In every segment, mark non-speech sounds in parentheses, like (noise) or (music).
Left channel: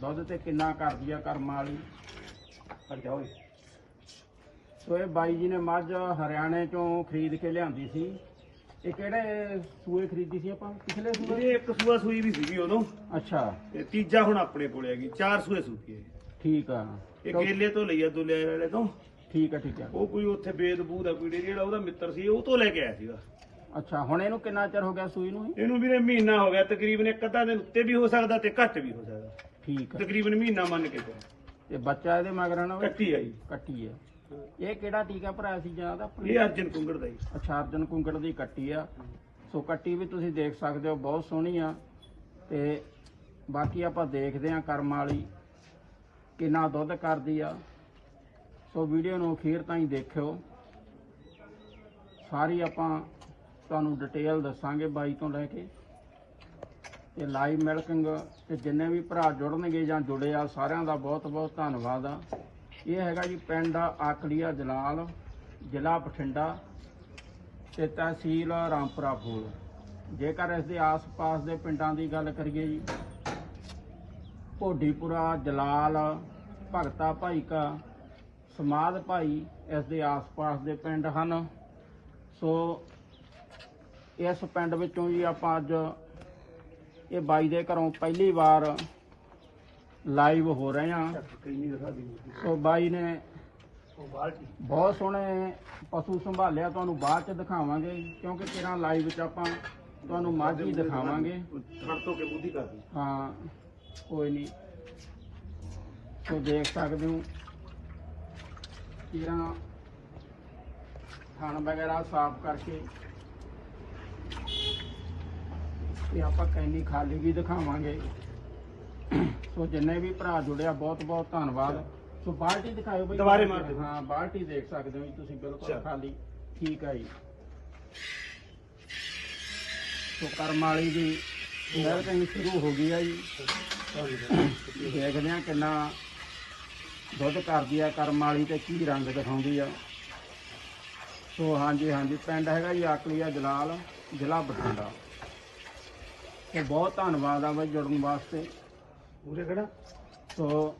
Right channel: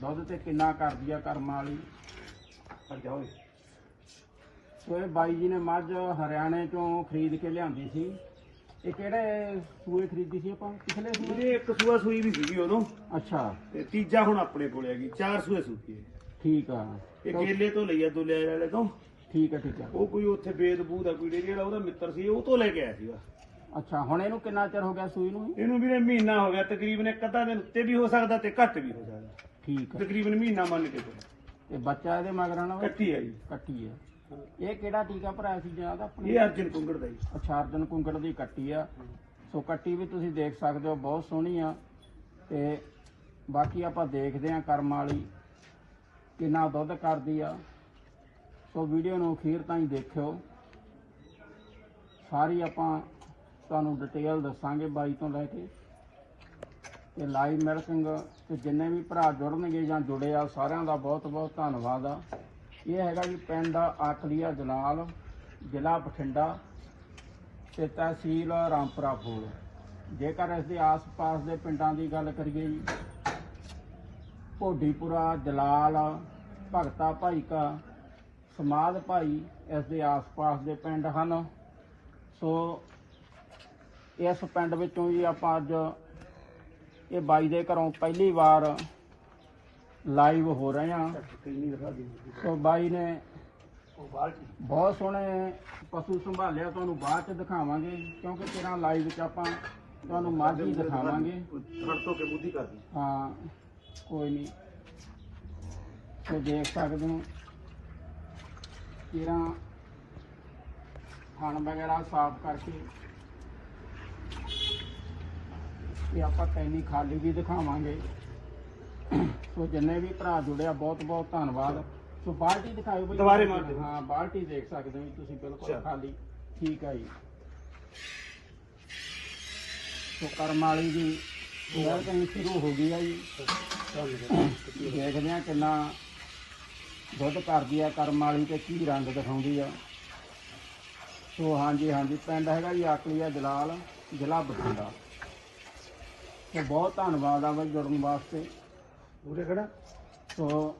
ਦੁੱਧ ਤੇ ਕਿੰਨਾ ਕਰਦੀ ਆ ਕਰਮਾਂ ਵਾਲੀ? ਹਟ ਜਾਓ ਸੋ ਇਹ ਬਾਈ ਜੀ ਨੇ ਮੱਝ ਹਰਿਆਣੇ ਚੋਂ ਖਰੀਦ ਕੇ ਲਿਆਂਦੀ ਸੀ। ਇਹ ਕਿਹੜੇ ਸੂਏ ਖਰੀਦੀ ਸੀ ਆਪਾਂ? ਪਿਛਲੇ ਸੂਏ? ਇਹ ਇੱਕ ਸੂਆ ਸੂਈ ਵੀ ਸੀਗੀ ਉਦੋਂ। ਅੱਛਾ। ਤੇ ਤੀਜਾ ਹੁਣ ਆਪਣੇ ਕੋਲੇ ਹੈਗੀ ਚਾਰ ਸੂਏ ਹੈ। ਠੀਕ ਆ। ਇਹ ਕੇਲੇ ਤੋਂ ਲਈ ਆ ਦੁਲੇ ਵਾਲੇ ਤੋਂ। ਠੀਕ ਆ ਠੀਕ ਆ। ਉਹ ਕੋਈ ਉੱਥੇ ਬੇਦਬੂ ਦਾ ਕੋਈ ਡੇਰੀ ਵਾਲਾ ਉਹਦਾ ਮਿੱਤਰ ਸੀ ਉਹ ਤੋਂ ਲੈ ਕੇ ਆਇਆ ਸੀਗਾ। ਅੱਛਾ ਹੁਣ ਇਹਨੂੰ ਕਿੰਨਾ ਚਿਰ ਹੋ ਗਿਆ ਸੂਈ ਨੂੰ ਇਹ? ਇਹਨੂੰ ਵੀਰੇ ਮਹੀਨਾ ਹੋ ਗਿਆ ਤਕਰੀਬਨ ਇੱਕ ਅੱਧਾ ਦਿਨ ਉੱਤੇ ਵੀ ਹੋ ਸਕਦਾ ਤੇ ਘੱਟ ਵੀ ਹੋ ਸਕਦਾ। ਠੀਕ ਆ। ਤਕਰੀਬਨ ਮਹੀਨਾ ਮੰਨ ਕੇ ਚੱਲੋ। ਤੇ ਬੱਚਾ ਇਹਦੇ ਮਗਰ ਨਾ? ਕੱਟੀ ਆ ਜੀ। ਕੱਟੀ ਆ। ਇਹ ਕਿਹੜਾ ਟੀਕਾ ਭਰਾਇਆ ਸੀ ਜ਼ਿਆਦਾ ਆਪਣੇ? ਇਹ ਅਰਜਨ ਕੁੰਗੜ ਦਾ ਜੀ। ਅੱਛਾ ਅਰਜਨ ਕੁੰਕੜ ਦੀ ਕੱਟੀ ਆ। ਸੋ ਕੱਟੀ ਵੀ ਤੁਸੀਂ ਦੇਖ ਸਕਦੇ ਹੋ ਬਹੁਤ ਸੋਹਣੀ ਆ। ਤੇ ਬਾਕੀ ਆਪਾਂ ਦੇਖਦੇ ਆ ਕਰਮ ਵਾਲੀ ਕਿੰਨਾ ਦੁੱਧ ਕਰਦੀ ਆ। ਸੋ ਵੀਡੀਓ ਨੂੰ ਅਖੀਰ ਤਾਈਂ ਦੇਖਿਓ। ਸਾਰੀ ਆਪਾਂ ਤੁਹਾਨੂੰ ਡਿਟੇਲ ਦੱਸਾਂਗੇ ਬਾਈ ਤੋਂ ਲੈ ਕੇ। ਤੇ ਲਾਈਵ ਮਿਲਕਿੰਗ ਤੇ ਜਿੰਨੇ ਵੀ ਭਰਾ ਜੁੜਨਗੇ ਜਾਂ ਜੁੜੇ ਆ, ਸਾਰਿਆਂ ਦਾ ਬਹੁਤ ਬਹੁਤ ਧੰਨਵਾਦ ਆ। ਇਹ ਹੈਗਾ ਜੀ ਪਿੰਡ ਆਕਲੀਆ ਜਲਾਲ, ਜ਼ਿਲ੍ਹਾ ਬਠਿੰਡਾ, ਤੇ ਤਹਿਸੀਲ ਰਾਮਪੁਰਾ ਫੂਲ ਜੇਕਰ ਇਸ ਦੇ ਆਸ-ਪਾਸ ਦੇ ਪਿੰਡਾਂ ਦੀ ਗੱਲ ਕਰੀਏ ਜੀ, ਭੋਡੀਪੁਰਾ, ਜਲਾਲ, ਭਗਤਾ ਭਾਈ ਕਾ ਸਮਾਦ ਭਾਈ ਇਸ ਦੇ ਆਸ-ਪਾਸ ਦੇ ਪਿੰਡ ਹਨ। ਸੋ ਇਸ ਪਿੰਡ ਵਿੱਚੋਂ ਜੀ ਆਪਾਂ ਅੱਜ ਇਹ ਬਾਈ ਦੇ ਘਰੋਂ ਪਹਿਲੀ ਵਾਰ ਲਾਈਵ ਹੋ ਰਹੇ ਦੀ ਸੋ ਬਾਈ ਨੇ ਬਹੁਤ ਸੋਹਣੇ ਪਸ਼ੂ ਸੰਭਾਲਿਆ ਤੁਹਾਨੂੰ ਬਾਅਦ ਚ ਦਿਖਾਵਾਂਗੇ ਕਿਉਂਕਿ ਤੇਰਾ ਲਾਈਵ ਵਿੱਚ ਆਪਾਂ ਤੁਹਾਨੂੰ ਮੱਝ ਦਿਖਾਵਾਂਗੇ। ਥੜ ਤੋਂ ਕੇ ਬੁੱਧੀ ਕਰਦੀ ਹਾਂ ਕੋਈ ਨਹੀਂ। ਸੋ ਦੇਖ ਸਕਦੇ ਹੋ ਤੇਰਾ ਥਣ ਵਗੈਰਾ ਸਾਫ਼ ਕਰਕੇ ਤੇ ਆਪਾਂ ਕੈਨੀ ਖਾਲੀ ਵੀ ਦਿਖਾਵਾਂਗੇ। ਸੋ ਜਿੰਨੇ ਵੀ ਭਰਾ ਜੁੜਿਆ ਬਹੁਤ ਬਹੁਤ ਧੰਨਵਾਦ। ਸੋ ਬਾਲਟੀ ਦਿਖਾਇਓ ਬਈ। ਦੁਬਾਰੇ ਮਾਰ ਦਿਓ। ਹਾਂ ਬਾਲਟੀ ਦੇਖ ਸਕਦੇ ਹੋ ਜੀ ਤੁਸੀਂ ਬਿਲਕੁਲ। ਖਾਲੀ। ਠੀਕ ਹੈ ਜੀ। ਸੋ ਕਰਮ ਵਾਲੀ ਦੀ ਮਿਹਨਤ ਸ਼ੁਰੂ ਹੋ ਗਈ ਆ ਜੀ। ਦੇਖਦੇ ਆ ਕਿੰਨਾ ਦੁੱਧ ਕਰਦੀ ਆ ਕਰਮ ਵਾਲੀ ਤੇ ਕੀ ਰੰਗ ਦਿਖਾਉਂਦੀ ਆ। ਸੋ ਹਾਂਜੀ ਹਾਂਜੀ ਪਿੰਡ ਹੈਗਾ ਜੀ ਆਕਲੀਆ ਜਲਾਲ ਜ਼ਿਲ੍ਹਾ ਬਠਿੰਡਾ। ਤੇ ਬਹੁਤ ਧੰਨਵਾਦ ਆ ਬਈ ਜੁੜਨ ਵਾਸਤੇ। ਉਹਦੇ ਕਿਹੜਾ ਸੋ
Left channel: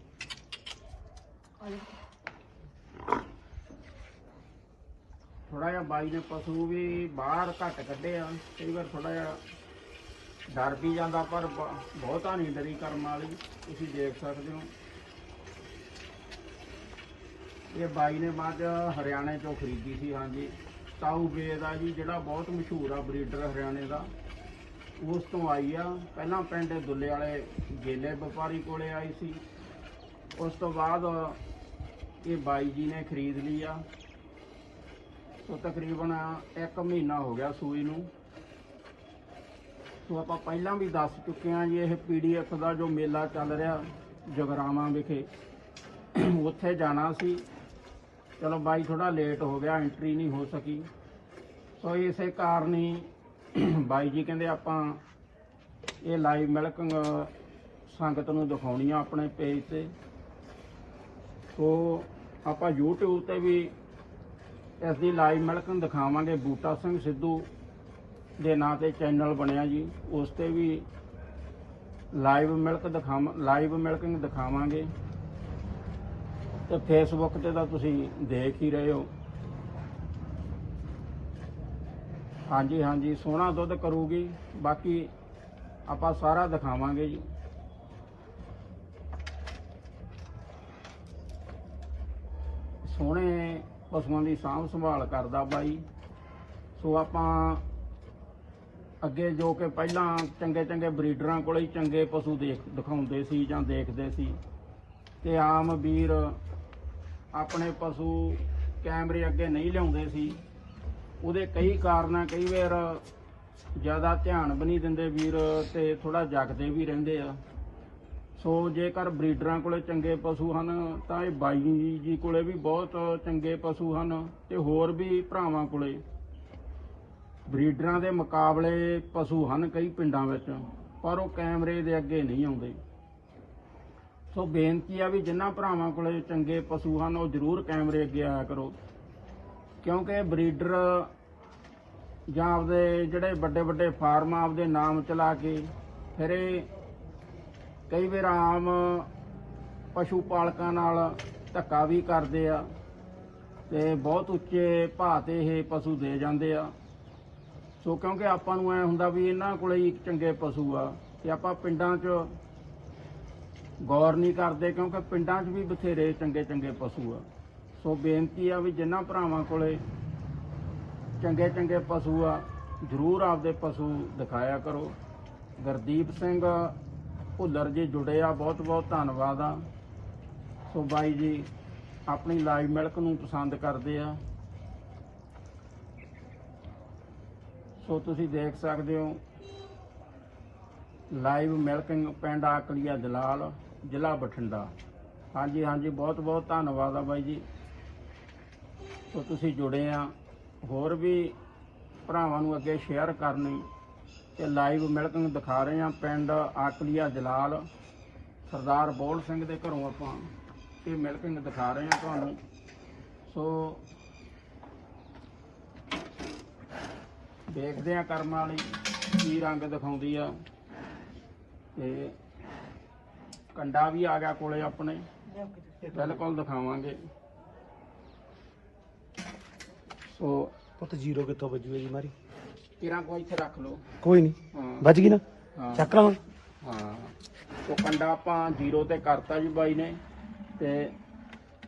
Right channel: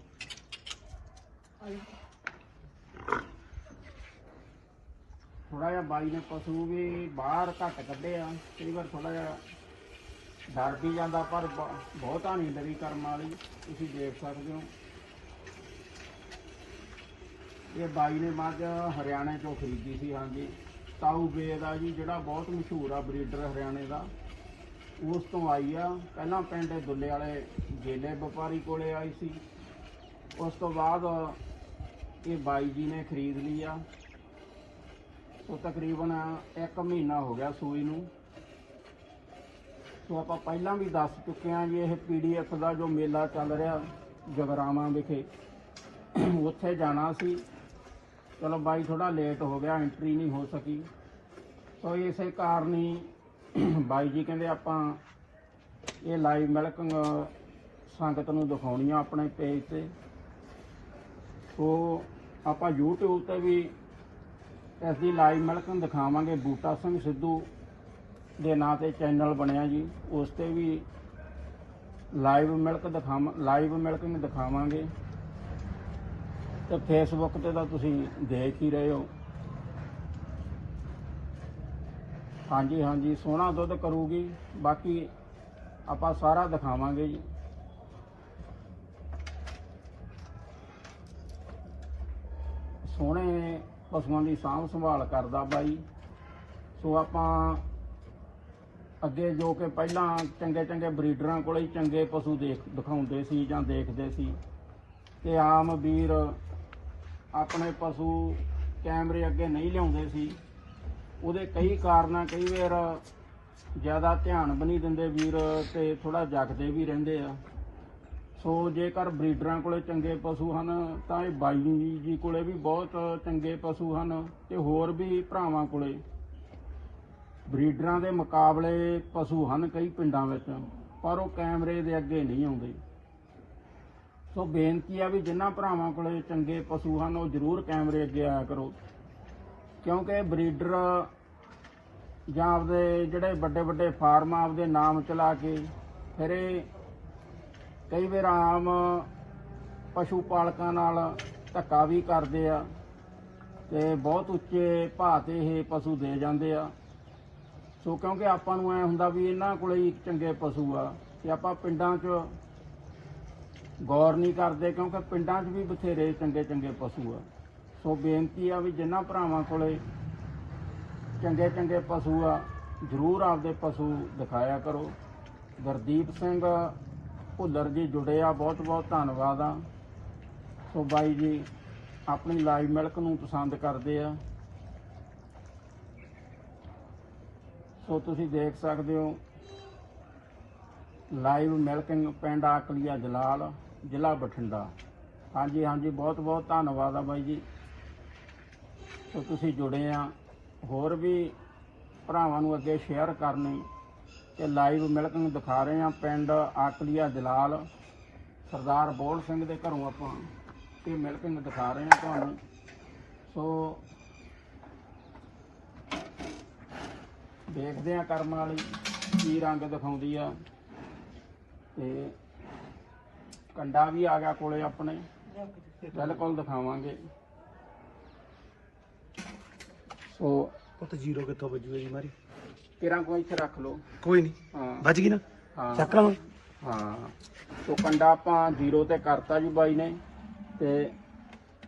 ਥੋੜਾ ਜਿਹਾ ਬਾਈ ਨੇ ਪਸ਼ੂ ਵੀ ਬਾਹਰ ਘੱਟ ਕੱਢੇ ਆ ਕਈ ਵਾਰ ਥੋੜਾ ਜਿਹਾ ਡਰ ਵੀ ਜਾਂਦਾ ਪਰ ਬ- ਬਹੁਤਾ ਨਹੀਂ ਡਰੀ ਕਰਮ ਵਾਲੀ ਤੁਸੀਂ ਦੇਖ ਸਕਦੇ ਹੋ। ਇਹ ਬਾਈ ਨੇ ਮੱਝ ਹਰਿਆਣੇ ਤੋਂ ਖਰੀਦੀ ਸੀ ਹਾਂਜੀ। ਤਾਊ ਬੇਦ ਆ ਜੀ ਜਿਹੜਾ ਬਹੁਤ ਮਸ਼ਹੂਰ ਆ ਬਰੀਡਰ ਹਰਿਆਣੇ ਦਾ। ਉਸ ਤੋਂ ਆਈ ਆ। ਪਹਿਲਾਂ ਪਿੰਡ ਦੁੱਲੇ ਵਾਲੇ ਗੇਲੇ ਵਪਾਰੀ ਕੋਲੇ ਆਈ ਸੀ। ਉਸ ਤੋਂ ਬਾਅਦ ਇਹ ਬਾਈ ਜੀ ਨੇ ਖਰੀਦ ਲਈ ਆ। ਸੋ ਤਕਰੀਬਨ 1 ਮਹੀਨਾ ਹੋ ਗਿਆ ਸੂਈ ਨੂੰ। ਸੋ ਆਪਾਂ ਪਹਿਲਾਂ ਵੀ ਦੱਸ ਚੁੱਕੇ ਹਾਂ ਜੀ, ਇਹ ਪੀਡੀਐਫ ਦਾ ਜੋ ਮੇਲਾ ਚੱਲ ਰਿਹਾ ਜਗਰਾਵਾਂ ਵਿਖੇ, ਉੱਥੇ ਜਾਣਾ ਸੀ। ਚਲੋ ਬਾਈ ਥੋੜਾ ਲੇਟ ਹੋ ਗਿਆ, ਐਂਟਰੀ ਨਹੀਂ ਹੋ ਸਕੀ। ਸੋ ਇਸੇ ਕਾਰਨ ਹੀ ਬਾਈ ਜੀ ਕਹਿੰਦੇ ਆਪਾਂ ਇਹ ਲਾਈਵ ਮਿਲਕਿੰਗ ਸੰਗਤ ਨੂੰ ਦਿਖਾਉਣੀ ਆ ਆਪਣੇ ਪੇਜ ਤੇ। ਸੋ ਆਪਾਂ YouTube ਤੇ ਵੀ ਇਸ ਦੀ ਲਾਈਵ ਮਿਲਕਿੰਗ ਦਿਖਾਵਾਂਗੇ। ਬੂਟਾ ਸਿੰਘ ਸਿੱਧੂ ਦੇ ਨਾਂ ਤੇ ਚੈਨਲ ਬਣਿਆ ਜੀ। ਉਸ ਤੇ ਵੀ ਲਾਈਵ ਮਿਲਕ ਦਿਖਾਵਾਂ ਲਾਈਵ ਮਿਲਕਿੰਗ ਦਿਖਾਵਾਂਗੇ। ਤੇ ਫੇਸਬੁੱਕ ਤੇ ਤਾਂ ਤੁਸੀਂ ਦੇਖ ਹੀ ਰਹੇ ਹੋ। ਹਾਂਜੀ ਹਾਂਜੀ ਸੋਹਣਾ ਦੁੱਧ ਕਰੂਗੀ। ਬਾਕੀ ਆਪਾਂ ਸਾਰਾ ਦਿਖਾਵਾਂਗੇ ਜੀ। ਸੋਹਣੇ ਪਸ਼ੂਆਂ ਦੀ ਸਾਂਭ ਸੰਭਾਲ ਕਰਦਾ ਬਾਈ। ਸੋ ਆਪਾਂ ਅੱਗੇ ਜੋ ਕਿ ਪਹਿਲਾਂ ਚੰਗੇ ਚੰਗੇ ਬਰੀਡਰਾਂ ਕੋਲੇ ਹੀ ਚੰਗੇ ਪਸ਼ੂ ਦੇਖ ਦਿਖਾਉਂਦੇ ਸੀ ਜਾਂ ਦੇਖਦੇ ਸੀ। ਤੇ ਆਮ ਵੀਰ ਆਪਣੇ ਪਸ਼ੂ ਕੈਮਰੇ ਅੱਗੇ ਨਹੀਂ ਲਿਆਉਂਦੇ ਸੀ। ਉਹਦੇ ਕਈ ਕਾਰਨ ਆ, ਕਈ ਵਾਰ ਜ਼ਿਆਦਾ ਧਿਆਨ ਵੀ ਨਹੀਂ ਦਿੰਦੇ ਵੀਰ ਤੇ ਥੋੜਾ ਜਗਦੇ ਵੀ ਰਹਿੰਦੇ ਆ। ਸੋ ਜੇਕਰ ਬਰੀਡਰਾਂ ਕੋਲੇ ਚੰਗੇ ਪਸ਼ੂ ਹਨ, ਤਾਂ ਇਹ ਬਾਈ ਜੀ ਕੋਲੇ ਵੀ ਬਹੁਤ ਚੰਗੇ ਪਸ਼ੂ ਹਨ ਤੇ ਹੋਰ ਵੀ ਭਰਾਵਾਂ ਕੋਲੇ। ਬਰੀਡਰਾਂ ਦੇ ਮੁਕਾਬਲੇ ਪਸ਼ੂ ਹਨ ਕਈ ਪਿੰਡਾਂ ਵਿੱਚ, ਪਰ ਉਹ ਕੈਮਰੇ ਦੇ ਅੱਗੇ ਨਹੀਂ ਆਉਂਦੇ। ਸੋ ਬੇਨਤੀ ਆ ਵੀ ਜਿਨ੍ਹਾਂ ਭਰਾਵਾਂ ਕੋਲੇ ਚੰਗੇ ਪਸ਼ੂ ਹਨ, ਉਹ ਜ਼ਰੂਰ ਕੈਮਰੇ ਅੱਗੇ ਆਇਆ ਕਰੋ। ਕਿਉਂਕਿ ਬਰੀਡਰ ਜਾਂ ਆਪਦੇ ਜਿਹੜੇ ਵੱਡੇ ਵੱਡੇ ਫਾਰਮ ਆਪਦੇ ਨਾਮ ਚਲਾ ਕੇ ਫਿਰ ਇਹ ਕਈ ਵਾਰ ਆਮ ਪਸ਼ੂ ਪਾਲਕਾਂ ਨਾਲ ਧੱਕਾ ਵੀ ਕਰਦੇ ਆ ਤੇ ਬਹੁਤ ਉੱਚੇ ਭਾਅ ਤੇ ਇਹ ਪਸ਼ੂ ਦੇ ਜਾਂਦੇ ਆ। ਸੋ ਕਿਉਂਕਿ ਆਪਾਂ ਨੂੰ ਐ ਹੁੰਦਾ ਵੀ ਇਹਨਾਂ ਕੋਲੇ ਹੀ ਚੰਗੇ ਪਸ਼ੂ ਆ ਤੇ ਆਪਾਂ ਪਿੰਡਾਂ 'ਚ ਗੌਰ ਨਹੀਂ ਕਰਦੇ ਕਿਉਂਕਿ ਪਿੰਡਾਂ 'ਚ ਵੀ ਬਥੇਰੇ ਚੰਗੇ ਚੰਗੇ ਪਸ਼ੂ ਆ। ਸੋ ਬੇਨਤੀ ਆ ਵੀ ਜਿਨ੍ਹਾਂ ਭਰਾਵਾਂ ਕੋਲੇ ਚੰਗੇ ਚੰਗੇ ਪਸ਼ੂ ਆ, ਜ਼ਰੂਰ ਆਪਦੇ ਪਸ਼ੂ ਦਿਖਾਇਆ ਕਰੋ। ਗੁਰਦੀਪ ਸਿੰਘ ਭੁੱਲਰ ਜੀ ਜੁੜੇ ਆ, ਬਹੁਤ ਬਹੁਤ ਧੰਨਵਾਦ ਆ। ਸੋ ਬਾਈ ਜੀ, ਆਪਣੀ ਲਾਈਵ ਮਿਲਕ ਨੂੰ ਪਸੰਦ ਕਰਦੇ ਆ। ਸੋ ਤੁਸੀਂ ਦੇਖ ਸਕਦੇ ਹੋ, ਲਾਈਵ ਮਿਲਕਿੰਗ ਪਿੰਡ ਆਕਲੀਆ ਜਲਾਲ, ਜ਼ਿਲ੍ਹਾ ਬਠਿੰਡਾ। ਹਾਂਜੀ ਹਾਂਜੀ, ਬਹੁਤ ਬਹੁਤ ਧੰਨਵਾਦ ਆ ਬਾਈ ਜੀ। ਸੋ ਤੁਸੀਂ ਜੁੜੇ ਆ। ਹੋਰ ਵੀ ਭਰਾਵਾਂ ਨੂੰ ਅੱਗੇ ਸ਼ੇਅਰ ਕਰਨੀ ਤੇ ਲਾਈਵ ਮਿਲਕਿੰਗ ਦਿਖਾ ਰਹੇ ਆ ਪਿੰਡ ਆਕਲੀਆ ਜਲਾਲ। ਸਰਦਾਰ ਬੋਲ ਸਿੰਘ ਦੇ ਘਰੋਂ ਆਪਾਂ ਇਹ ਮਿਲਕਿੰਗ ਦਿਖਾ ਰਹੇ ਆ ਤੁਹਾਨੂੰ। ਸੋ ਦੇਖਦੇ ਆ ਕਰਮ ਵਾਲੀ ਕੀ ਰੰਗ ਦਿਖਾਉਂਦੀ ਆ। ਤੇ ਕੰਡਾ ਵੀ ਆ ਗਿਆ ਕੋਲੇ ਆਪਣੇ। ਬਿਲਕੁਲ ਦਿਖਾਵਾਂਗੇ। ਸੋ ਪੁੱਤ ਜ਼ੀਰੋ ਕਿੱਥੋਂ ਵੱਜੂਗਾ ਜੀ ਮਾਰੀ? ਕਿਰਾਂ ਕੋਈ ਇੱਥੇ ਰੱਖ ਲਓ। ਕੋਈ ਨਹੀਂ ਹਾਂ। ਵੱਜ ਗਈ ਨਾ? ਹਾਂ। ਚੱਕ ਲਾਂ ਹਾਂ। ਸੋ ਕੰਡਾ ਆਪਾਂ ਜ਼ੀਰੋ ਤੇ ਕਰਤਾ ਜੀ ਬਾਈ ਨੇ ਤੇ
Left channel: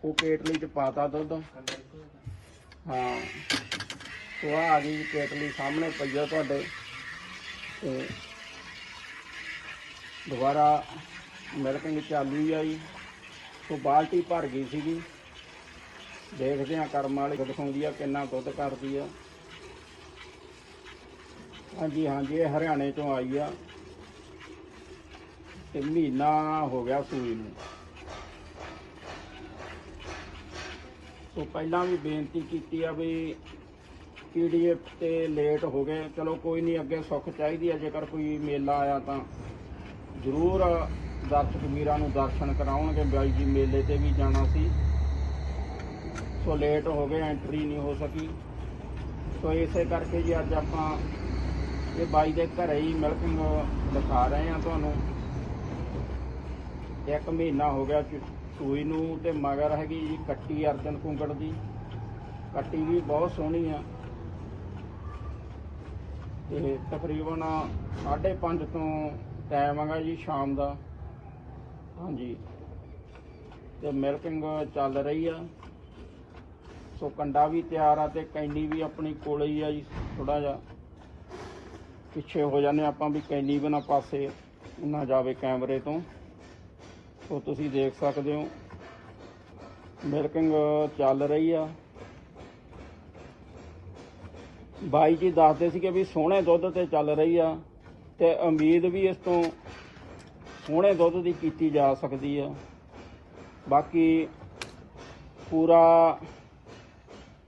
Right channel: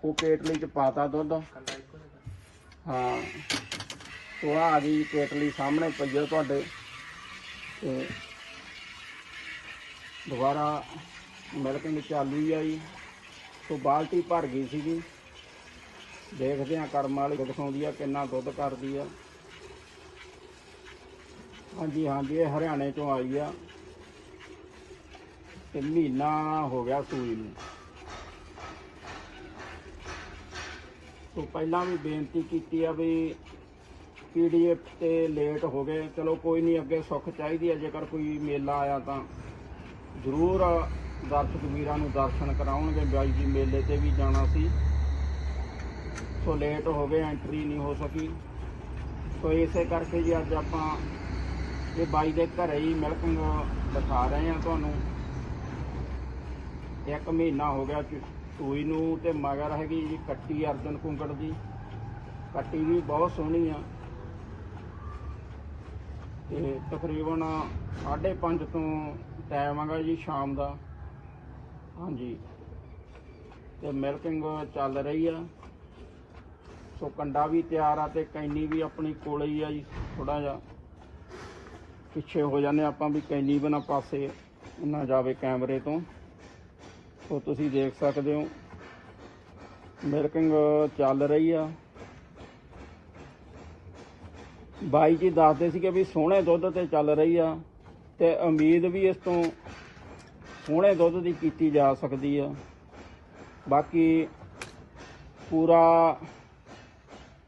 ਉਹ ਕੇਟਲੀ ਚ ਪਾਤਾ ਦੁੱਧ। ਹਾਂ। ਸੋ ਆ ਗਈ ਕੇਟਲੀ ਸਾਹਮਣੇ ਪਈ ਤੁਹਾਡੇ। ਤੇ ਦੁਬਾਰਾ ਮਿਲਕਿੰਗ ਚਾਲੂ ਹੀ ਆਈ। ਸੋ ਬਾਲਟੀ ਭਰ ਗਈ ਸੀਗੀ। ਦੇਖਦੇ ਆ ਕਰਮ ਵਾਲੀ ਦਿਖਾਉਂਦੀ ਆ, ਕਿੰਨਾ ਦੁੱਧ ਕਰਦੀ ਆ। ਹਾਂਜੀ ਹਾਂਜੀ, ਇਹ ਹਰਿਆਣੇ ਚੋਂ ਆਈ ਆ। ਤੇ ਮਹੀਨਾ ਹੋ ਗਿਆ ਸੂਈ ਨੂੰ। ਸੋ ਪਹਿਲਾਂ ਵੀ ਬੇਨਤੀ ਕੀਤੀ ਆ ਵੀ ਪੀਡੀਐਫ ਤੇ ਲੇਟ ਹੋ ਗਏ। ਚਲੋ ਕੋਈ ਨਹੀਂ, ਅੱਗੇ ਸੁੱਖ ਚਾਹੀਦੀ ਹੈ ਜੇਕਰ ਕੋਈ ਮੇਲਾ ਆਇਆ ਤਾਂ ਜ਼ਰੂਰ ਦਰਸ਼ਕ ਵੀਰਾਂ ਨੂੰ ਦਰਸ਼ਨ ਕਰਾਉਣਗੇ। ਬਾਈ ਜੀ ਮੇਲੇ ਤੇ ਵੀ ਜਾਣਾ ਸੀ। ਸੋ ਲੇਟ ਹੋ ਗਏ ਐਂਟਰੀ ਨਹੀਂ ਹੋ ਸਕੀ। ਸੋ ਇਸੇ ਕਰਕੇ ਜੀ ਅੱਜ ਆਪਾਂ ਇਹ ਬਾਈ ਦੇ ਘਰੇ ਹੀ ਮਿਲਕਿੰਗ ਦਿਖਾ ਰਹੇ ਹਾਂ ਤੁਹਾਨੂੰ। ਇੱਕ ਮਹੀਨਾ ਹੋ ਗਿਆ ਚੁ- ਸੂਈ ਨੂੰ ਤੇ ਮਗਰ ਹੈਗੀ ਜੀ ਕੱਟੀ ਅਰਜਨ ਕੁੰਗੜ ਦੀ। ਕੱਟੀ ਵੀ ਬਹੁਤ ਸੋਹਣੀ ਆ। ਤੇ ਤਕਰੀਬਨ 5:30 ਤੋਂ ਟਾਈਮ ਹੈਗਾ ਜੀ ਸ਼ਾਮ ਦਾ। ਹਾਂਜੀ। ਤੇ ਮਿਲਕਿੰਗ ਚੱਲ ਰਹੀ ਆ। ਸੋ ਕੰਡਾ ਵੀ ਤਿਆਰ ਆ ਤੇ ਕੈਨੀ ਵੀ ਆਪਣੇ ਕੋਲੇ ਹੀ ਆ ਜੀ ਥੋੜਾ ਜਿਹਾ। ਪਿੱਛੇ ਹੋ ਜਾਂਦੇ ਆਪਾਂ ਵੀ ਕੈਨੀ ਬਣਾ ਪਾਸੇ ਨਾ ਜਾਵੇ ਕੈਮਰੇ ਤੋਂ। ਸੋ ਤੁਸੀਂ ਦੇਖ ਸਕਦੇ ਹੋ ਮਿਲਕਿੰਗ ਚੱਲ ਰਹੀ ਆ। ਬਾਈ ਜੀ ਦੱਸਦੇ ਸੀਗੇ ਵੀ ਸੋਹਣੇ ਦੁੱਧ ਤੇ ਚੱਲ ਰਹੀ ਆ ਤੇ ਉਮੀਦ ਵੀ ਇਸ ਤੋਂ ਸੋਹਣੇ ਦੁੱਧ ਦੀ ਕੀਤੀ ਜਾ ਸਕਦੀ ਆ। ਬਾਕੀ ਪੂਰਾ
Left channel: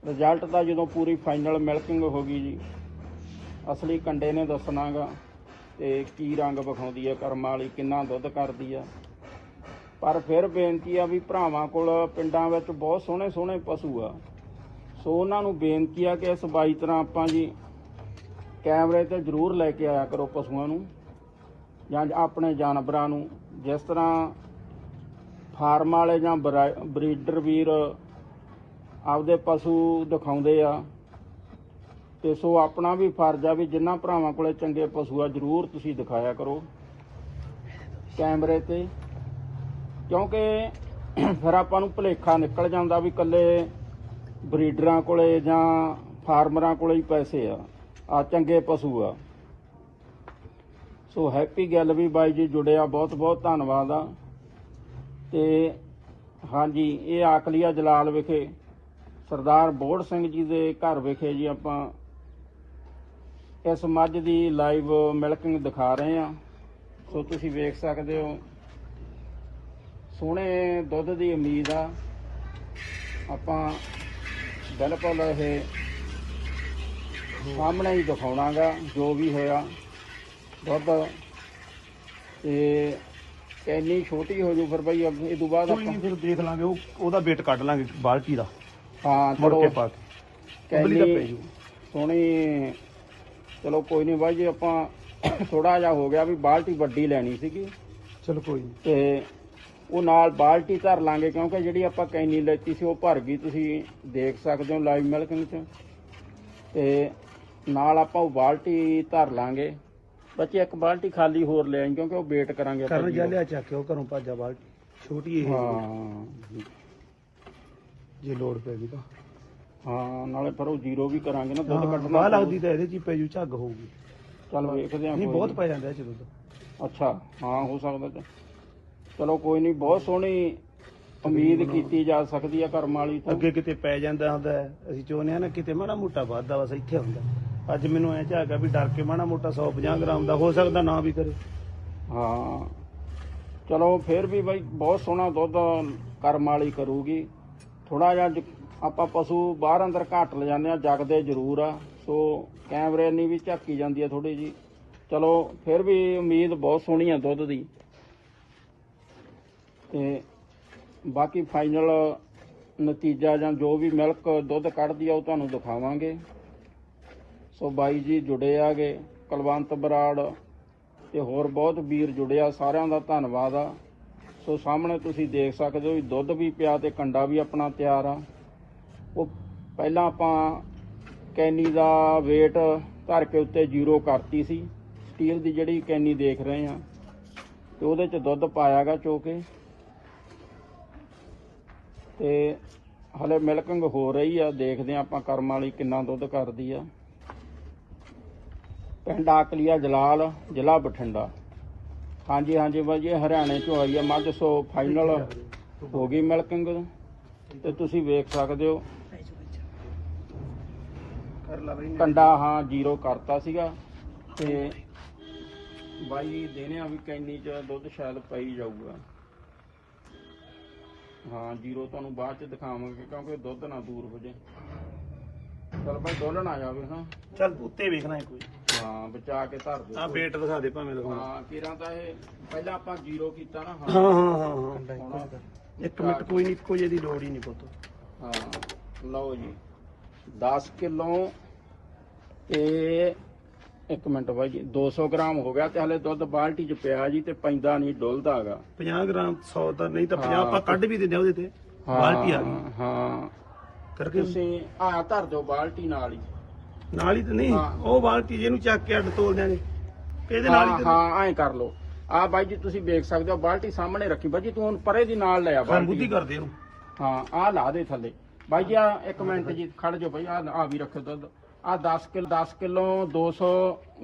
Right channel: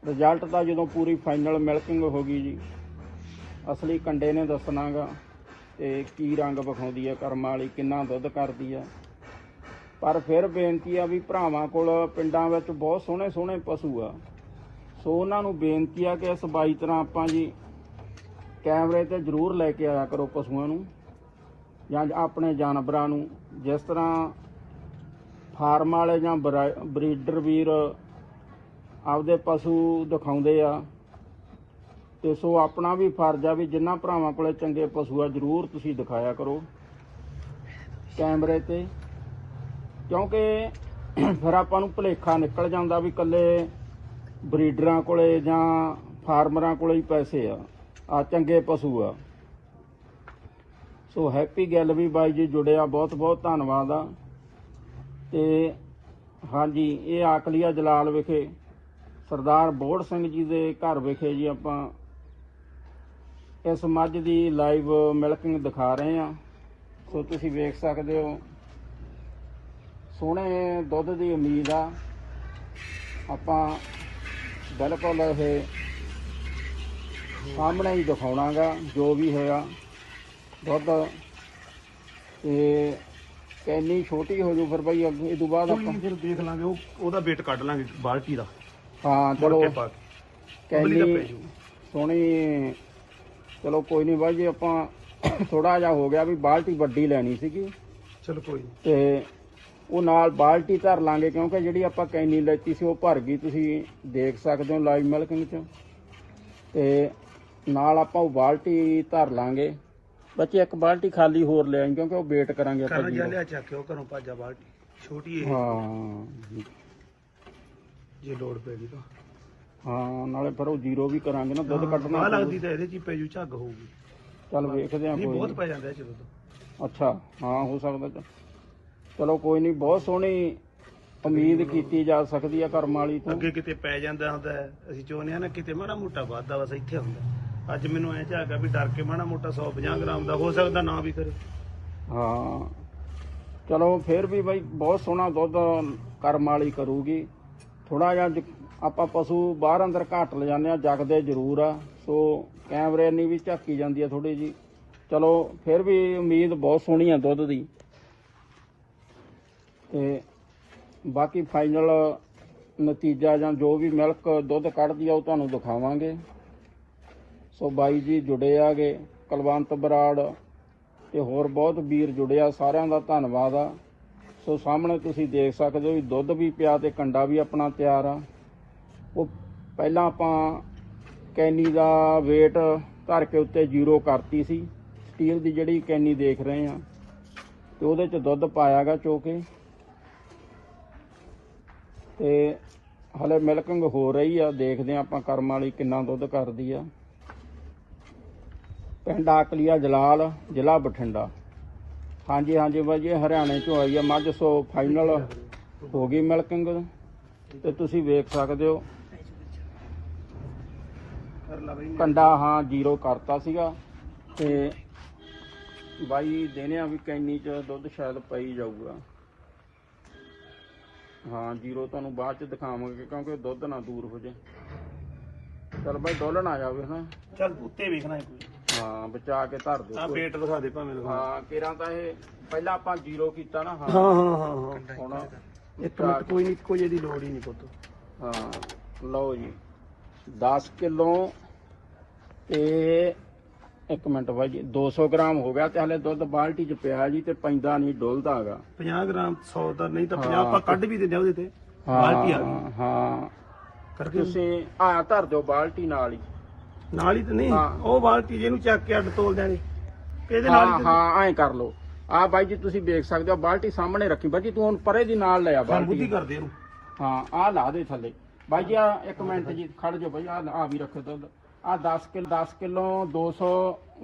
ਰਿਜ਼ਲਟ ਤਾਂ ਜਦੋਂ ਪੂਰੀ ਫਾਈਨਲ ਮਿਲਕਿੰਗ ਹੋ ਗਈ ਜੀ, ਅਸਲੀ ਕੰਡੇ ਨੇ ਦੱਸਣਾਗਾ ਤੇ ਕੀ ਰੰਗ ਵਿਖਾਉਂਦੀ ਹੈ ਕਰਮਾਂ ਵਾਲੀ ਕਿੰਨਾ ਦੁੱਧ ਕਰਦੀ ਆ। ਪਰ ਫਿਰ ਬੇਨਤੀ ਆ ਵੀ ਭਰਾਵਾਂ ਕੋਲ ਪਿੰਡਾਂ ਵਿੱਚ ਬਹੁਤ ਸੋਹਣੇ ਸੋਹਣੇ ਪਸ਼ੂ ਆ। ਸੋ ਉਹਨਾਂ ਨੂੰ ਬੇਨਤੀ ਆ ਕਿ ਇਸ ਬਾਈ ਤਰ੍ਹਾਂ ਆਪਾਂ ਜੀ ਕੈਮਰੇ ਤੇ ਜ਼ਰੂਰ ਲੈ ਕੇ ਆਇਆ ਕਰੋ ਪਸ਼ੂਆਂ ਨੂੰ, ਜਾਂ ਆਪਣੇ ਜਾਨਵਰਾਂ ਨੂੰ। ਜਿਸ ਤਰ੍ਹਾਂ ਫਾਰਮ ਵਾਲੇ ਜਾਂ ਬਰੀਡਰ ਵੀਰ ਆਪਦੇ ਪਸ਼ੂ ਦਿਖਾਉਂਦੇ ਆ। ਤੇ ਸੋ ਆਪਣਾ ਵੀ ਫਰਜ਼ ਆ ਵੀ ਜਿੰਨਾ ਭਰਾਵਾਂ ਕੋਲੇ ਚੰਗੇ ਪਸ਼ੂ ਆ, ਜ਼ਰੂਰ ਤੁਸੀਂ ਦਿਖਾਇਆ ਕਰੋ। ਕੈਮਰੇ ਤੇ। ਕਿਉਂਕਿ ਫਿਰ ਆਪਾਂ ਨੂੰ ਭੁਲੇਖਾ ਨਿਕਲ ਜਾਂਦਾ ਵੀ ਕੱਲੇ ਬਰੀਡਰਾਂ ਕੋਲੇ ਜਾਂ ਫਾਰਮਰਾਂ ਕੋਲੇ ਹੀ ਪੈਸੇ ਆ ਆ ਚੰਗੇ ਪਸ਼ੂ ਆ। ਸੋ ਹੈਪੀ ਗੱਲ ਵੀ ਬਾਈ ਜੀ ਜੁੜਿਆ ਬਹੁਤ ਬਹੁਤ ਧੰਨਵਾਦ ਆ। ਤੇ ਹਾਂਜੀ, ਇਹ ਆਕਲੀਆ ਜਲਾਲ ਵਿਖੇ। ਸਰਦਾਰ ਬੋੜ ਸਿੰਘ ਜੀ ਦੇ ਘਰ ਵਿਖੇ ਜੀ ਆਪਾਂ ਇਸ ਮੱਝ ਦੀ ਲਾਈਵ ਮਿਲਕਿੰਗ ਦਿਖਾ ਰਹੇ ਹਾਂ। ਸੋ ਤੁਸੀਂ ਵੇਖ ਸਕਦੇ ਹੋ। ਸੋਹਣੇ ਦੁੱਧ ਦੀ ਉਮੀਦ ਆ। ਆਪਾਂ ਬਿਲਕੁਲ ਇਹ ਸਾਹਮਣੇ ਹੀ ਦਿਖਾਉਣਾਗਾ ਜੋ ਵੀ ਹੋਇਆ। ਦੁੱਧ ਤੇ ਕੈਨੀ ਛੋਟੀ ਹੋ ਜੂ ਫਿਰ ਬਈ ਇਹ ਤੋਂ ਬਾਅਦ ਕੋਈ ਨਹੀਂ ਫਿਰ ਦੇਖ ਲਾਂਗੇ ਉਹ ਉਹਦਾ ਵੇਟ ਕੱਢ ਲਾਂਗੇ ਬਾਲਟੀ ਦਾ। ਹਾਂ ਮੁੜ ਚਲੋ ਕੇ ਪਾ ਕੇ ਉਬਲੀ ਤਾਂ ਪੈ ਕੈਨੀ ਜੂ ਸੋਹਣੀ ਚਲੋ ਕੋਈ ਨਹੀਂ ਬਾਈ ਜੀ ਆਪਾਂ (coughs) ਥੋੜਾ ਜਿਹਾ ਹੋ ਗਿਆ ਵੀ ਬਾਲਟੀ ਵੱਡੀ ਲੈਣੀ ਸੀਗੀ। ਚਲੋ ਕੋਈ ਨਹੀਂ। ਤੇ ਉਹ ਨਾਲ ਬਾਲਟੀ ਧਰ ਲਾਂਗੇ ਕਿਉਂਕਿ ਜਿਹੜੀ ਆਪਾਂ ਕੈਨੀ ਲੈਤੀ ਸੀ ਉਹ ਭਰ ਗਈ ਤੁਸੀਂ ਦੇਖ ਸਕਦੇ ਹੋ ਲਾਈਵ ਮਿਲਕਿੰਗ ਚ। ਤੇ ਨਾਲ ਆਪਾਂ ਉਹ ਬਾਲਟੀ ਧਰ ਲਾਂਗੇ। ਬੱਚੇ ਇੱਕ ਬਾਲਟੀ ਖਾਲੀ ਹੋਰ ਲੈ ਆਈ ਕਿਉਂਕਿ ਉਹ ਵੇਟ ਕਰਾਂਗੇ ਆਪਾਂ ਜੀ। ਲਿਆ ਚੱਕਿਓ ਘਰੋਂ ਭਾਜਾ ਬਾਲਟੀ। ਛੋਟੀ ਇਹ। ਹਾਂ। ਜੇ ਲੋੜ ਪੈ ਗਈ ਤਾਂ। ਹਾਂ ਨਾਲੇ ਫਿਰ ਉਹ ਜ਼ੀਰੋ ਵੀ ਕਰਾਂਗੇ ਨਾ ਦੁੱਧ ਕੱਢਣਾ ਬਾਹ ਲੱਗਦੀ ਤਾਂ ਇਹਦੇ ਚ ਹੀ ਪੈ ਜੂ ਝੱਗ ਹੋਊਗੀ। ਚੱਲ ਵੇਖਦੇ ਆਂ ਨਹੀਂ ਬਹੁਤ। ਪੈ ਜਾਂਦਾ ਇਹ ਚ ਦੁੱਧ। ਅੱਛਾ ਹਾਂ ਹੋ ਸਕਦਾ ਤੇ। ਚਲੋ ਕੋਈ ਨਹੀਂ ਬਹੁਤ ਸੋਹਣੀ ਉਮੀਦ ਕੀਤੀ ਜਾ ਸਕਦੀ ਆ ਕਰਮ ਵਾਲੀ ਤੋਂ। ਅੱਗੇ ਕਿਤੇ ਪੈ ਜਾਂਦਾ ਹੁੰਦਾ ਹੈ। ਅਸੀਂ ਚਾਹੁੰਦੇ ਹਾਂ ਨਾ ਕਿਤੇ ਮਾੜਾ ਮੋਟਾ ਵਾਧਾ ਬਸ ਇੱਥੇ ਹੁੰਦਾ। ਅੱਜ ਮੈਨੂੰ ਐ ਝਾਗਾ ਵੀ ਡਰ ਕੇ ਮਾੜਾ ਮੋਟਾ 150 ਗ੍ਰਾਮ ਦਾ ਹੋ ਸਕਦਾ ਨਾ ਵੀ ਕਰੇ। ਹਾਂ। ਚਲੋ ਫਿਰ ਵੀ ਬਈ ਬਹੁਤ ਸੋਹਣਾ ਦੁੱਧ ਕਰਮ ਵਾਲੀ ਕਰੂਗੀ। ਥੋੜਾ ਜਿਹਾ ਜ- ਆਪਾਂ ਪਸ਼ੂ ਬਾਹਰ ਅੰਦਰ ਘੱਟ ਲੈ ਜਾਂਦੇ ਆ ਜਗਦੇ ਜ਼ਰੂਰ ਆ। ਸੋ ਕੈਮਰੇ ਨਹੀਂ ਵੀ ਝਾਕੀ ਜਾਂਦੀ ਆ ਥੋੜੀ ਜੀ ਚਲੋ, ਫਿਰ ਵੀ ਉਮੀਦ ਬਹੁਤ ਸੋਹਣੀ ਆ ਦੁੱਧ ਦੀ। ਤੇ ਬਾਕੀ ਫਾਈਨਲ ਨਤੀਜਾ ਜਾਂ ਜੋ ਵੀ ਮਿਲਕ ਦੁੱਧ ਕੱਢਦੀ ਆ, ਉਹ ਤੁਹਾਨੂੰ ਦਿਖਾਵਾਂਗੇ। ਸੋ ਬਾਈ ਜੀ ਜੁੜੇ ਆਗੇ, ਕੁਲਵੰਤ ਬਰਾੜ ਤੇ ਹੋਰ ਬਹੁਤ ਵੀਰ ਜੁੜਿਆ ਸਾਰਿਆਂ ਦਾ ਧੰਨਵਾਦ ਆ। ਸੋ ਸਾਹਮਣੇ ਤੁਸੀਂ ਦੇਖ ਸਕਦੇ ਹੋ ਵੀ ਦੁੱਧ ਵੀ ਪਿਆ ਤੇ ਕੰਡਾ ਵੀ ਆਪਣਾ ਤਿਆਰ ਆ। ਉਹ ਪਹਿਲਾਂ ਆਪਾਂ ਕੈਨੀ ਦਾ weight ਧਰ ਕੇ ਉੱਤੇ ਜ਼ੀਰੋ ਕਰਤੀ ਸੀ। ਸਟੀਲ ਦੀ ਜਿਹੜੀ ਕੈਨੀ ਦੇਖ ਰਹੇ ਆ ਤੇ ਉਹਦੇ ਚ ਦੁੱਧ ਪਾਇਆਗਾ ਚੋਕੇ ਤੇ ਹਲੇ ਮਿਲਕਿੰਗ ਹੋ ਰਹੀ ਆ। ਦੇਖਦੇ ਆ ਆਪਾਂ ਕਰਮ ਵਾਲੀ ਕਿੰਨਾ ਦੁੱਧ ਕਰਦੀ ਆ। ਪਿੰਡ ਆਕਲੀਆ ਜਲਾਲ, ਜ਼ਿਲ੍ਹਾ ਬਠਿੰਡਾ। ਹਾਂਜੀ ਹਾਂਜੀ ਬਾਈ ਜੀ, ਹਰਿਆਣੇ ਚੋਂ ਆਈ ਹੈ ਮੱਝ ਸੋ ਫਾਈਨਲ ਹੋ ਗਈ ਮਿਲਕਿੰਗ ਤੇ ਤੁਸੀਂ ਵੇਖ ਸਕਦੇ ਹੋ। ਕੰਡਾ, ਹਾਂ ਜ਼ੀਰੋ ਕਰਤਾ ਸੀਗਾ। ਤੇ ਬਾਈ ਦੇਨੇ ਆ ਵੀ ਕੈਨੀ ਚ ਦੁੱਧ ਸ਼ਾਇਦ ਪਈ ਜਾਊਗਾ। ਹਾਂ ਜ਼ੀਰੋ ਤੁਹਾਨੂੰ ਬਾਅਦ ਚ ਦਿਖਾਵਾਂਗੇ, ਕਿਉਂਕਿ ਦੁੱਧ ਨਾ ਦੂਰ ਹੋ ਜਾਏ। ਚਲ ਬਈ, ਡੋਲਣ ਆ ਜਾਵੇ ਹਾਂ ਚੱਲ, ਉੱਤੇ ਵੇਖਣਾ ਹੈ ਕੋਈ। ਹਾਂ ਬਚਾ ਕੇ ਧਰ ਆ ਦੋ ਵੇਟ ਦਿਖਾ ਦੇ ਭਾਵੇਂ ਦਿਖਾ। ਹਾਂ ਕਿਰਾਂ ਤਾਂ ਇਹ ਪਹਿਲਾਂ ਆਪਾਂ ਜ਼ੀਰੋ ਕੀਤਾ ਨਾ ਹਾਂ। ਹਾਂ ਹਾਂ ਹਾਂ ਹੁਣ ਇੱਕ ਮਿੰਟ ਕੋਈ ਨਹੀਂ ਕੋਈ ਇਹਦੀ ਲੋੜ ਹੀ ਨਹੀਂ ਪੁੱਤ। ਹਾਂ ਲਓ ਜੀ। 10 ਕਿਲੋ ਤੇ ਇੱਕ ਮਿੰਟ ਬਾਈ ਜੀ 200 ਗ੍ਰਾਮ ਹੋ ਗਿਆ ਤੇ ਹਲੇ ਦੁੱਧ ਬਾਲਟੀ ਚ ਪਿਆ ਜੀ ਤੇ ਪੈਂਦਾ ਨਹੀਂ ਡੁੱਲਦਾ ਹੈਗਾ। 50 ਗ੍ਰਾਮ 100 ਤਾਂ ਨਹੀਂ ਤਾਂ 50 ਹਾਂ। ਆਪਾਂ ਕੱਢ ਵੀ ਦਿੰਦੇ ਆ ਉਹਦੇ ਤੇ। ਬਾਲਟੀ ਆ ਗਈ। ਹਾਂ। ਕਰਕੇ। ਤੁਸੀਂ ਆ ਧਰ ਦਿਓ ਬਾਲਟੀ ਨਾਲ ਹੀ। ਨਾਲ ਹੀ ਤਾਂ ਨਹੀਂ ਹਾਂ। ਉਹ ਬਾਲਟੀ ਜਿਹਨੂੰ ਚੱਕ ਕੇ ਅੱਡ ਤੋਲ ਦਿਆਂਗੇ ਇਹਦੇ ਨਾਲ ਹੀ ਹਾਂ, ਤਾਂ ਹਾਂ ਐਂ ਕਰ ਲਓ। ਆ ਬਾਈ ਜੀ ਤੁਸੀਂ ਵੇਖ ਸਕਦੇ ਹੋ ਬਾਲਟੀ ਸਾਹਮਣੇ ਰੱਖੀ। ਬਾਈ ਜੀ ਤੂੰ ਹੁਣ ਪਰੇ ਦੀ ਨਾਲ ਲੈ ਆ ਖਾਨ ਬੁੱਧੀ ਬਾਲਟੀ ਕਰਦੇ ਇਹਨੂੰ। ਹਾਂ ਆ ਲਾ ਦੇ ਥੱਲੇ। ਬਾਈ ਜੀ ਆ ਇੱਕ ਮਿੰਟ ਜੀ ਖੜ ਜਾਓ ਬਾਈ ਆ ਆ ਵੀ ਰੱਖੋ ਦੁੱਧ ਆ 10 ਕਿਲੋ 10 ਕਿਲੋ 200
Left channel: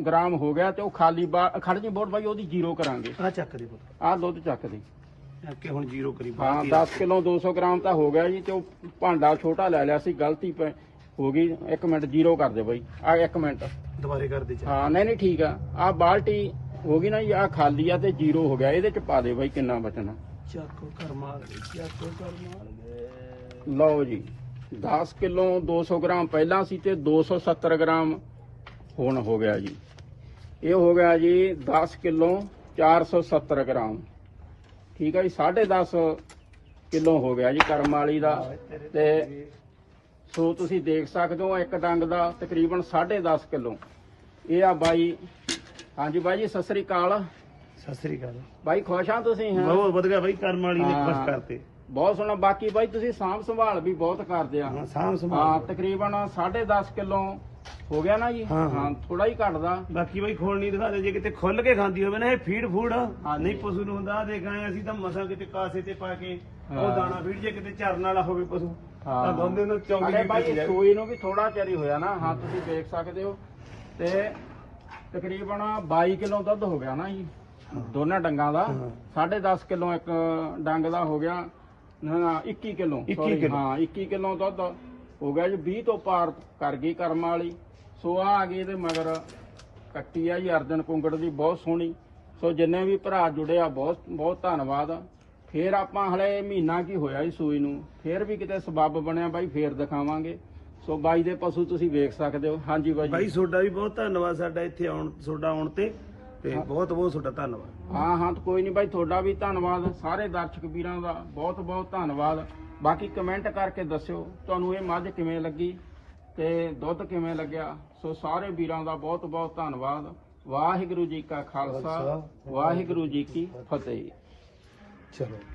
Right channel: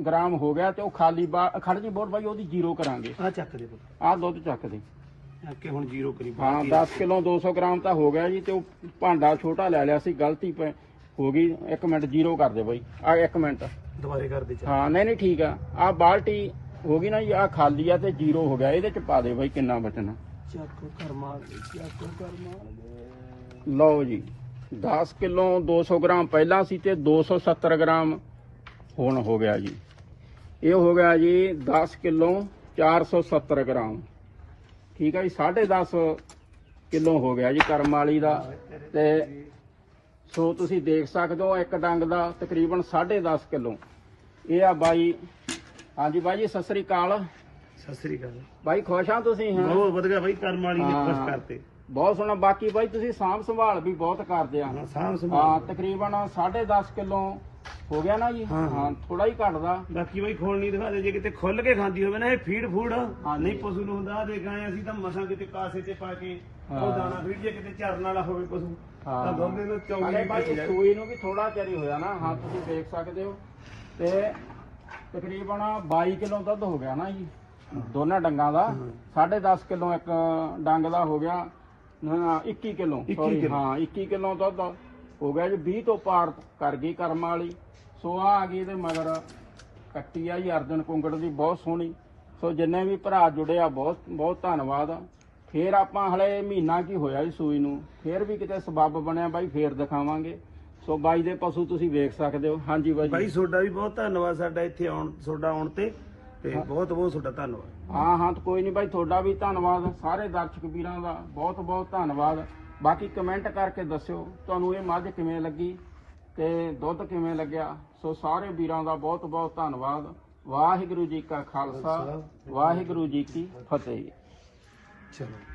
ਗ੍ਰਾਮ ਹੋ ਗਿਆ ਤੇ ਉਹ ਖਾਲੀ ਬਾ- ਖੜ ਜੀ ਬੋਰ ਬਾਈ ਉਹਦੀ ਜ਼ੀਰੋ ਕਰਾਂਗੇ। ਆ ਚੱਕ ਦੇ ਪੁੱਤ। ਆ ਦੁੱਧ ਚੱਕ ਦੇ। ਚੱਕ ਕੇ ਹੁਣ ਜ਼ੀਰੋ ਕਰੀ ਹਾਂ ਬਾਲਟੀ। 10 ਕਿਲੋ 200 ਗ੍ਰਾਮ ਤਾਂ ਹੋ ਗਿਆ ਜੀ ਤੇ ਉਹ ਭਾਂਡਾ ਛੋਟਾ ਲੈ ਲਿਆ ਸੀ ਗਲਤੀ ਪੈ ਹੋ ਗਈ। ਇੱਕ ਮਿੰਟ ਜ਼ੀਰੋ ਕਰ ਦੇ ਬਾਈ। ਆ ਇੱਕ ਮਿੰਟ। ਦੁਬਾਰੇ ਕਰ ਦੇ ਹਾਂ ਨਹੀਂ ਨਹੀਂ ਠੀਕ ਆ। ਆ ਬਾਲਟੀ ਹੋ ਗਈ ਨਾ ਜੀ ਆ ਖਾਲੀ ਆ ਤੇ ਜ਼ੀਰੋ ਹੋ ਗਿਆ। ਇਹਦੇ ਚ ਪਾ ਦੇ ਬਾਈ ਕਿੰਨਾ ਬਚਣਾ। ਚੱਕ ਕਰ ਮਾਰ ਦੇ ਚੱਕ ਕਰ ਮਾਰ ਦੇ। ਲਓ ਜੀ 10 ਕਿਲੋ 200 ਗ੍ਰਾਮ ਪਹਿਲਾਂ ਸੀ ਤੇ 270 ਗ੍ਰਾਮ ਹੁਣ ਹੋ ਗਿਆ ਜੀ। ਇਹ ਹੋ ਗਿਆ ਜੀ 10 ਕਿਲੋ 470 ਗ੍ਰਾਮ। ਠੀਕ ਹੈ ਜੀ 10.5 ਕਿਲੋ ਹੋ ਗਿਆ ਜੀ ਕਰਮ ਵਾਲੀ ਦਾ। ਤੇ ਸੋ ਤੁਸੀਂ ਦੇਖ ਸਕਦੇ ਹੋ ਇੱਕ ਡੰਗ ਦਾ ਤਕਰੀਬਨ 10.5 ਕਿਲੋ। ਇਹ ਆ ਬਾਈ। ਹਾਂਜੀ ਬਾਈ ਜੀ ਸਤਿ ਸ੍ਰੀ ਅਕਾਲ। ਸਤਿ ਸ੍ਰੀ ਅਕਾਲ। ਬਾਈ ਖੁਸ਼ ਆ ਤੁਸੀਂ? ਹੈਂ? ਬਹੁਤ ਵਧੀਆ ਬਾਈ ਕਰਮ ਵਾਲੀ ਨੇ ਖੁਸ਼ ਹਾਂ। ਕਰਤੇ। ਬਹੁਤ ਸੋਹਣਾ। ਬਾਕੀ ਬਾਈ ਤੁਸੀਂ ਸਾਂਭ ਸੰਭਾਲ ਵੀ ਬਹੁਤ ਕਰਦੇ ਆ। ਹਾਂ ਸਾਂਭ ਹਾਂ ਸੰਭਾਲ ਤਕਰੀਬਨ 10.5 ਕਿਲੋ ਹੋ ਗਿਆ ਨਾ ਜੀ? ਹਾਂ, ਹਾਂ। ਥੋੜਾ ਹੀ ਘਟਦਾ। ਬਾਕੀ ਬਾਈ ਖੋਲ ਨਹੀਂ ਦਿਖਾ ਦੇ। ਜੇ ਕਿਤੇ ਖੁੱਲ ਕੇ ਖਾਂਦੀ ਹੋਵੇ ਨਾ ਇਹ ਫੀਡ ਫੂਡ। ਨਹੀਂ ਪਸ਼ੂ ਨੂੰ ਹੁੰਦਾ। ਦੇਖ ਆਏ ਅਸੀਂ ਤਾਂ ਮਸਾਂ ਕਿਤੇ ਕਾਸੇ ਤੇ ਪਾ ਕੇ ਉਹ। ਦਾਣਾ ਫੀਡ ਜੇ ਕਿਤੇ ਚਰਨ ਵਾਲਾ ਹੋਵੇ ਪਸ਼ੂ ਹਾਂ। ਤਾਂ ਦੋਨੇ ਨੂੰ ਚੌਂਕੀ ਅਰੇ ਬਾਈ। ਸੂਈ ਨੂੰ ਵੀ ਥੋੜਾ ਚਿਰ ਹੀ ਹੋਇਆ ਨਾ ਹਾਂ ਤੁਸੀਂ ਦੇਖ ਸਕਦੇ ਹੋ ਤੇ ਤਕਰੀਬਨ 22 ਕਿਲੋ ਦੁੱਧ ਹੋ ਗਿਆ ਨਾ ਜੀ ਦੋਨਾਂ ਡੰਗਾਂ ਦਾ ਹਾਂ। 10.5 ਕਿਲੋ ਇੱਕ ਡੰਗ ਦਾ ਹੋ ਗਿਆ ਨਾ ਨਾ 21 ਕਿਲੋ 21 sorry, ਕਿੱਲੋ। ਹਾਂ 21 ਕਿਲੋ ਦੁੱਧ ਹੋ ਗਿਆ ਜੀ 20 ਤੋਂ ਪਾਰ ਕਰ ਗਈ ਕਰਮ ਵਾਲੀ ਸੋ ਆ ਆ ਗਈ ਤੇ ਮਗਰ ਕੱਟੀ ਆ ਜੀ ਅਰਜਨ ਕੁੰਗੜ ਦੀ ਬਹੁਤ ਸੋਹਣੀ ਸੋ ਜਿੰਨੇ ਵੀ ਭਰਾ ਜੁੜੇ ਆ ਬਹੁਤ ਬਹੁਤ ਧੰਨਵਾਦ ਆ ਫੇਰ ਆਪਾਂ ਹਲੇ ਮਹੀਨਾ ਕੀ ਹੋਇਆ ਜੀ ਸੂਈ ਨੂੰ। ਫੇਰ ਵੀ ਕਿਤੇ ਸਬੱਬ ਬਣਿਆ ਬਾਈ ਫੇਰ ਦਿਖਾਵਾਂਗੇ। ਸੋ ਬਾਈ ਦੇ ਪਸ਼ੂ ਤੁਸੀਂ ਵੇਖ ਸਕਦੇ ਹੋ। ਹਾਂਜੀ ਬਾਈ ਬਾਈ ਤੁਹਾਡਾ ਵੀ ਬਹੁਤ ਧੰਨਵਾਦ ਸਾਡਾ ਇੱਥੇ ਆਉਣ ਤੁਹਾਡਾ ਆਉਣ ਤੇ। ਤੇ ਬਹੁਤ ਬਹੁਤ ਤੁਹਾਡਾ ਧੰਨਵਾਦ। ਹਾਂ ਹਾਂ ਤਾਂ ਕੋਈ ਨਹੀਂ ਬਾਈ ਤੁਹਾਡਾ ਵੀ ਧੰਨਵਾਦ। ਸਾਰੇ ਦਰਸ਼ਕ ਵੀਰਾਂ ਦਾ ਬਹੁਤ ਬਹੁਤ ਧੰਨਵਾਦ। ਬਾਕੀ ਕਮੈਂਟ ਕਰਕੇ ਦੱਸਿਓ ਤੁਹਾਨੂੰ ਇਹ ਮੱਝ ਕਿਵੇਂ ਲੱਗੀ ਤੇ ਦੁੱਧ ਕਿਵੇਂ ਲੱਗਿਆ। ਸੋ ਸਾਰੇ ਵੀਰਾਂ ਦਾ ਬਹੁਤ ਬਹੁਤ ਧੰਨਵਾਦ। ਵਾਹਿਗੁਰੂ ਜੀ ਕਾ ਖਾਲਸਾ। ਵਾਹਿਗੁਰੂ ਜੀ ਕੀ ਫਤਿਹ। ਚਲੋ